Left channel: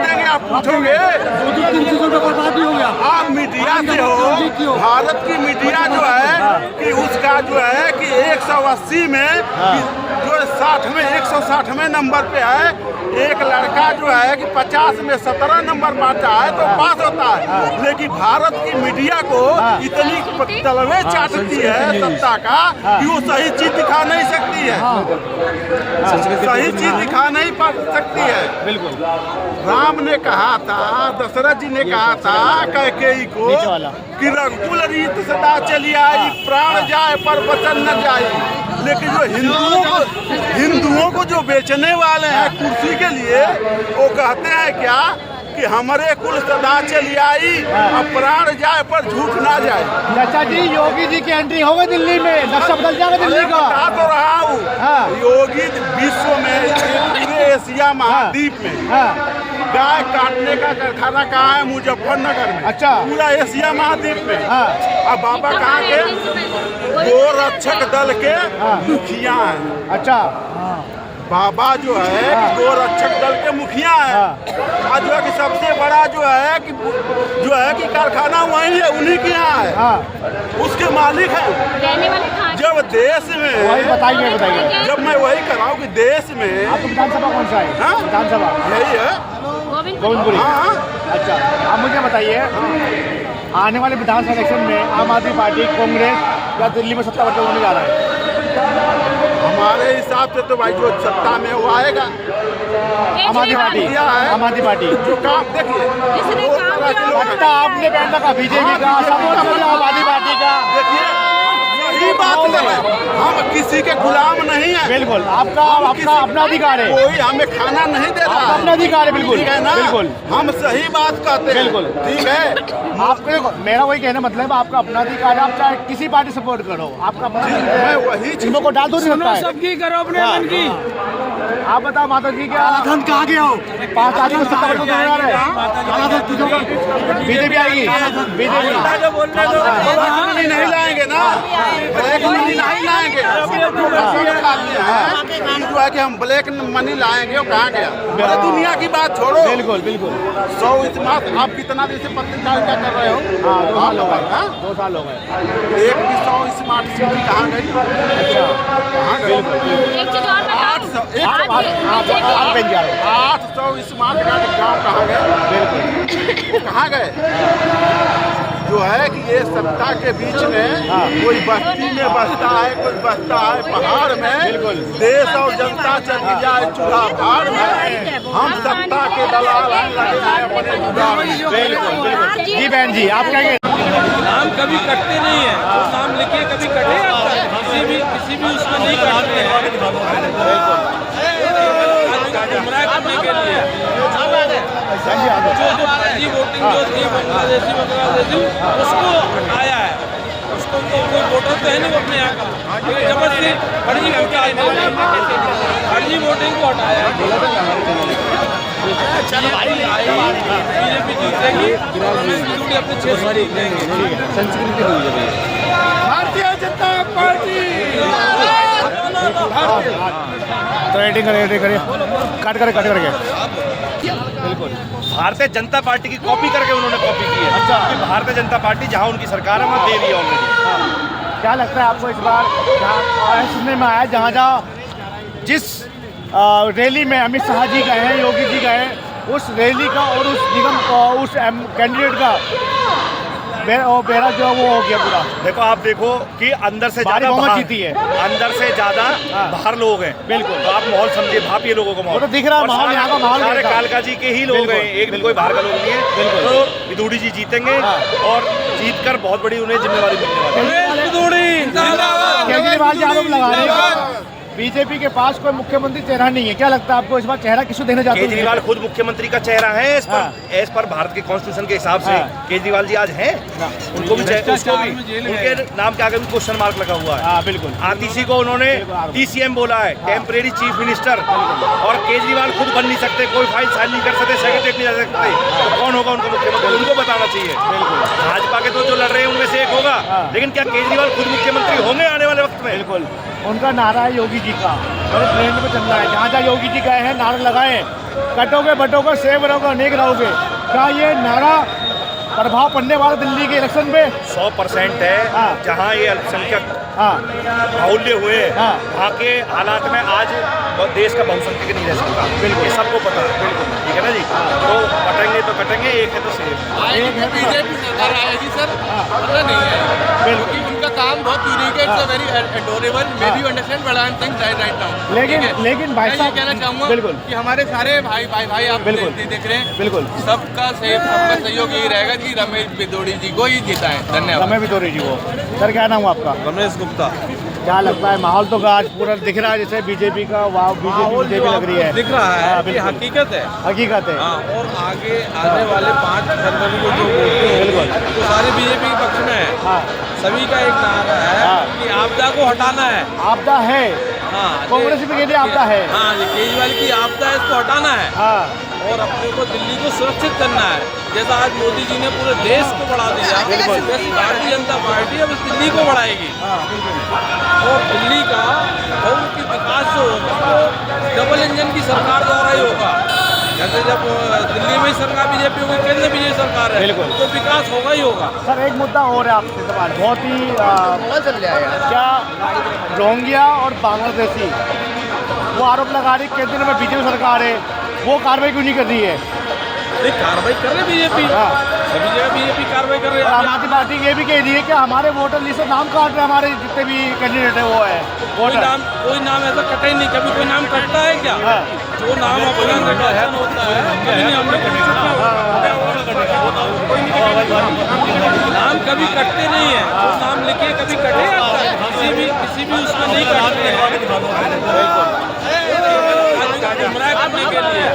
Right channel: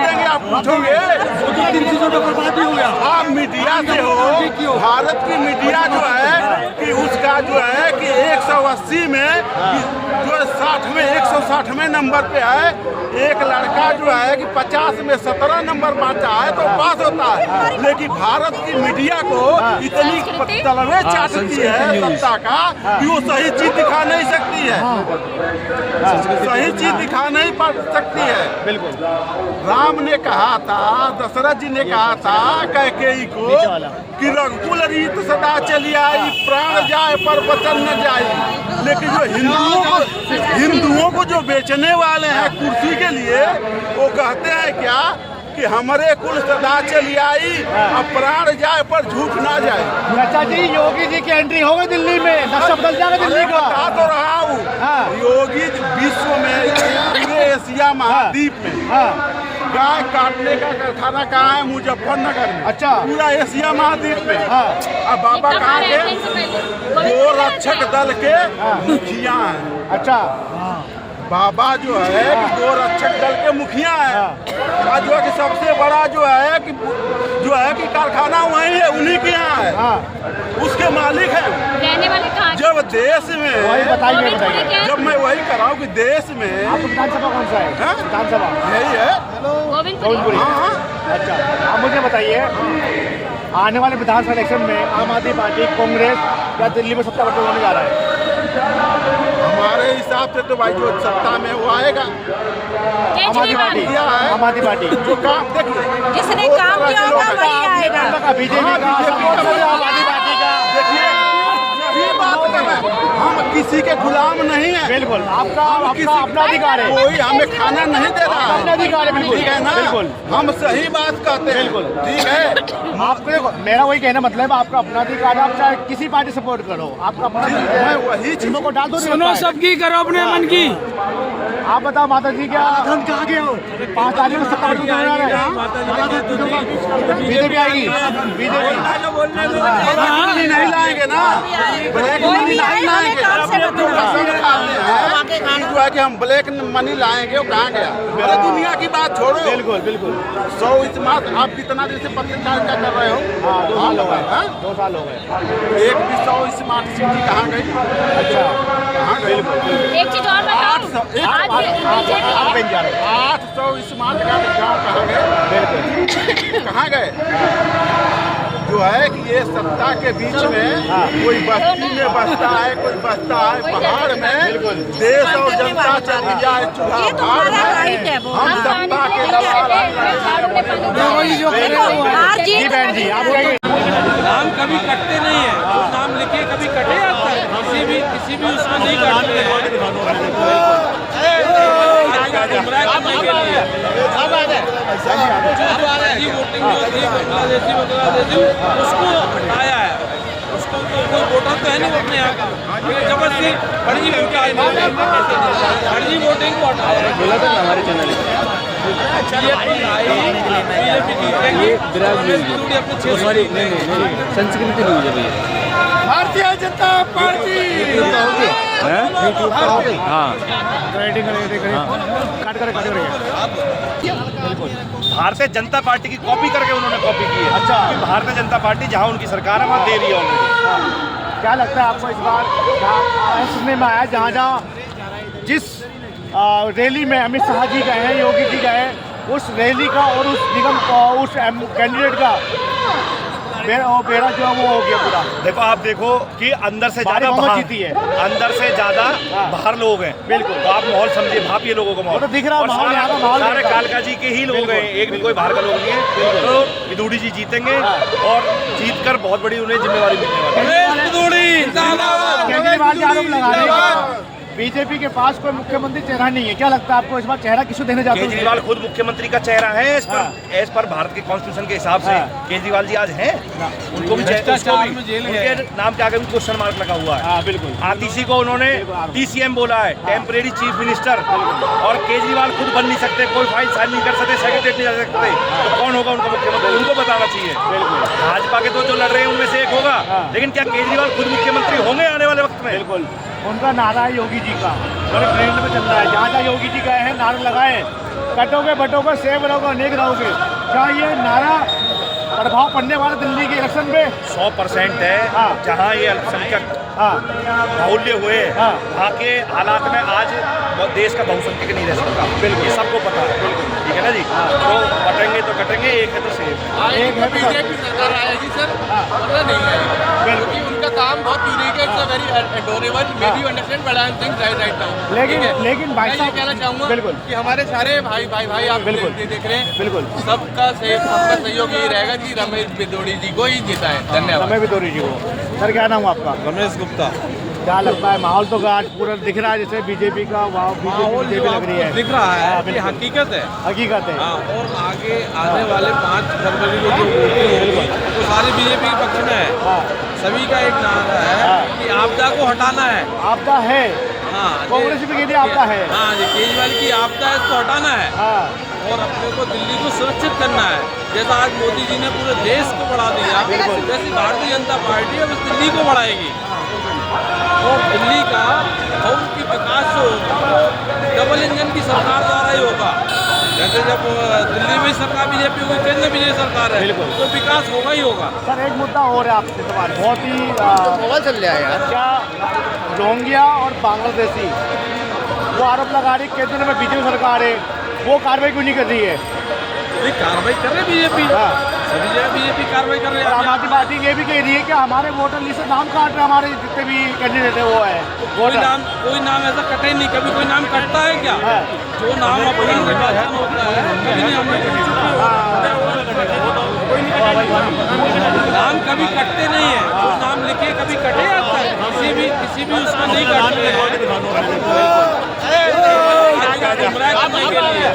देंगे, आप पूछोगे। आप मीडिया से हो, भारत की मीडिया जो है कि उसका जो है कि 180 में जो 160वें नंबर पे है। एक लड़का जो है कि 50 में 17 नंबर पाता है तो पास होता है। लेकिन भारत की मीडिया को इतनी तलवे चाटती है सत्ता का कि वो सही चीज दिखा नहीं सकती है, सही चीज दिखा नहीं पा सकती है। बिल्कुल। राम ने कहा था, दशरथ जी ने कहा था कैकेयी को कि रघुकुल रीत सदा चली आई, प्राण जाए पर वचन न जाए। लेकिन जो हिंदुओं को जो बेचने वाले हैं कुर्सी के लिए, वो कहते हैं क्या कि हमारे कुल सदा चली आई, अब प्राण जाए पर झूठ ना जाए। चाचा जी, योगी जी की एंट्री हो गई दिल्ली में, नक्शा बदल जाएगा दिल्ली का। बता तो रहा हूँ, योगी विश्व में, पूरे एशिया महाद्वीप में गाय काटने का कारखाना कहाँ है? मुजफ्फरनगर में। अच्छा। पूरा एशिया महाद्वीप में। अब बाबा कहाँ के? गोरक्षक दल के मुखिया हैं। अच्छा। बाबा जो है कि गोरक्षक दल के मुखिया है। और जो है कि सबसे बड़ा जो है कि कारखाना वही है, उन्हीं के यहाँ है, उसके मालिक हैं। जब देश में बताइए जब मैं वही कर रहा हूँ कि देश में विधानसभा कौन सा है? विधानसभा यही है, गोविंदपुरी। हाँ। अच्छा, आप मुझे बताइए, आने वाले विधानसभा इलेक्शन में आम आदमी पार्टी, कांग्रेस या दिल्ली में सत्ता पर होने जा रहा है? हमारे हिसाब से तो भाई जो सत्ता में वो आएगा आम आदमी पार्टी। किया है आम आदमी पार्टी जो काम, देखिए दो तरह के लोग हैं। आपने पहले कहा बीजेपी का, आम आदमी पार्टी का। देखिए यही बात है, हम किसी के गुलाम नहीं है। बिल्कुल, आपका अपना अधिकार है, कोई हमें खाना नहीं दे रहा है, अपना अधिकार है। बिल्कुल, ठीक है ना? बिल्कुल, हम सही बात कहते हैं। बिल्कुल, ठीक है। आपको, मेरा वही कहना मतलब आपका अपना अधिकार है, आप चाहे किसी पार्टी सपोर्ट करो, आपका अपना। मैं वही चीज को डाल दो, सबकी करो अपने मन की। आप बताओ माता जी, क्या कहाँ गए हो? 5 तारीख को बीजेपी आएगी, बीजेपी नहीं लाएंगे ना, नहीं लाएंगे। सब खाते हैं कि जो है कि हम ब्लैक मनी लाएंगे, वो कहाँ गया? अरे दुनिया की बात छोड़ो। बिल्कुल बिल्कुल। 100 इस्मार्ट, आप कितना दिन से पत्रकार क्या कर रहे हो? 2 साल हो गए। एक भी 100 स्मार्ट सिटी कहाँ गई? अच्छा, कहाँ गई? 800 स्मार्ट गाँव कहाँ गए? वो कहाँ गए? जो है कि ये सत्ता के बीच में कोई बस्ती में बसता है, कोई बसता है पहाड़ में। देश और जनता चली जाए चूल्हा भाड़ में, हम सत्ता के दलाल हैं, लगे हैं अपने जुगाड़ में। जी बहन जी, आप नाम कभी कटते नहीं है, वो नाम लिखे कभी कटे अब तक किसी भी उसमें नहीं कटते हैं। केवल गुमराह करने के लिए जो फर्जी वोटिंग जो थी बांग्लादेशी उसको हटाया है। उसको कोई वोटर तो है नहीं अपने यहाँ का, जबरदस्ती फर्जी वोटिंग को हटाया है। संस्कृति भारतीय जनता पार्टी भारतीय जनता पार्टी की कॉपी करके उन्होंने कॉपी की है। अच्छा। भारतीय जनता पार्टी जहां उनकी सरकार है वहां दे रही है ऑलरेडी। क्या लगता है आपको इस बार सुनने में आया, जहाँ जिस रैली में अमित शाह जी गए हैं, योगी जी गए, उस रैली का और उस निगम उस कैंडिडेट का बेड़ा जो है वो हो गया पूरा। देखो, आप देखो कि अंदर से ज्यादा बाहर जीती है, अंदर से ज्यादा बाहर लोग हैं। बिल्कुल। तो आप माहौल समझिए, भापिए लोगों को माहौल। तो दिख रहा है, और सारे कालका जी के ही लोग हैं, एक भी कोई बाहर का लोग नहीं है। तो विदुड़ी जी जीतेंगे और जीत कर बहुत बड़ी उन्हें जिम्मेवारी मिलने वाली है। केजरीवाल जी आरोप लगा रहे हैं बीजेपी के पास कोई मुख्यमंत्री चेहरा नहीं है, क्या लगता है आपको इस बार चेहरा किसको देने जाते हैं? केजरीवाल खुद मुख्यमंत्री का चेहरा है एज पर भारत के कॉन्स्टिट्यूशन के हिसाब से। केजरीवाल जी आज हैं, उनको भी उसको भी उनके नाम के आगे भी क्वेश्चन मार्क लगा हुआ है। बिल्कुल। आतिशी को उन्होंने TCM बोला है, टेम्परेरी चीफ मिनिस्टर। और केजरीवाल खुद बन नहीं सकते, कोई फाइल साइन नहीं कर सकते, सेक्रेटरी नहीं जा सकते, तो कौन होगा उनका मुख्यमंत्री? उनको बताना चाहिए। भाजपा के तो जो लड़ रहे हैं उनमें से एक होगा, लेकिन क्या केजरीवाल खुद मुख्यमंत्री होंगे आने वाले वक्त में? बिल्कुल। उनका नारा है योगी जी का, बड़े ट्रेंड में चल रहा है। जहाँ जहाँ योगी जी गए हैं नारे लगाए, कटोगे बटोगे सेब रहोगे अनेक रहोगे, क्या ये नारा प्रभाव पड़ने वाला दिल्ली के इलेक्शन में? 100% है। हाँ। जहाँ ये अल्पसंख्यक हाँ बाहुल्य हुए, हाँ। वहाँ के हालात में आज देश का बहुसंख्यक नहीं रह सकता, ये सबको पता है, ठीक है ना जी। तो बटेंगे तो कटेंगे, एक है तो सेफ है। एक है बीजेपी सरकार आएगी सर, वरना नहीं आएगी, क्योंकि उनका काम बहुत यूनिक है। It's a very adorable, may be you understand what I am saying right now. लेकिन भाई मैं ये साहब कहना चाहूँगा बिल्कुल कि हमारे सारे भाई आप बिल्कुल। देख रहे हैं, बिल्कुल सबका सहयोग यही रहेगा कि रमेश बिदोड़ी जी को ही जिताएं। धन्यवाद। हमें भी दो रही वो। सर क्या नाम है आपका? रमेश गुप्ता। क्या लगता है माहौल तो आज पूरा दिख रहा है जैसे बीजेपी का माहौल जो बीजेपी लग रही है? आपको दिख रहा है हाँ, कि बिल्कुल। हकीकत है। हकीकत है। हाँ, और आगे आने वाले 5 फरवरी को जो वोटें होंगी वो सारी बीजेपी के पक्ष में है। हाँ सभी का एक नारा है हाँ। कि आपदा को हटाना है। आपदा है, हाँ, कांग्रेस में कहती है आपदा है। हाँ जी, केजरीवाल की आपदा है, इसको हटाना है हाँ और अपने को दिल्ली को सुरक्षित करना है। जैसा आज मोदी जी ने पूरे देश को बढ़ा दिया, वैसे भारतीय जनता पार्टी अब इस दिल्ली को बढ़ाएगी और दिल्ली का बहुत ही विकास जो होगा वो डबल इंजन की सरकार द्वारा ही होगा। जैसे जब दिल्ली में सरकार बीजेपी होगी, केंद्र में बीजेपी सरकार है, तो विकास होगा ही होगा। सर एक मुद्दा और है आपसे सवाल, बहुत ही क्या रोहिंग्या और बांग्लादेशी वो आरोप लगा रही केंद्र में बीजेपी सरकार है, वो कार्रवाई क्यों नहीं कर रही है? नहीं, कार्रवाई कर रहे बीजेपी, हाँ। सभी जगह बीजेपी कार्रवाई कर रही और है। आम आदमी पार्टी ये भी कह रही है कि हमारे वोटर लिस्ट से नाम काट रहे, हमारे जितने भी कैंडिडेट है वो है कोई नाम ऐसा कटे ही नहीं, कभी कोई नाम कटता है क्या? हाँ। जो नाम अपना निर्वाचन होता है कभी नहीं, हमने नाम कभी कटते नहीं है। जो नाम लिखे कभी कटे आज तक किसी भी उसमें नहीं कटते हैं, केवल आदमी को गुमराह करने के लिए।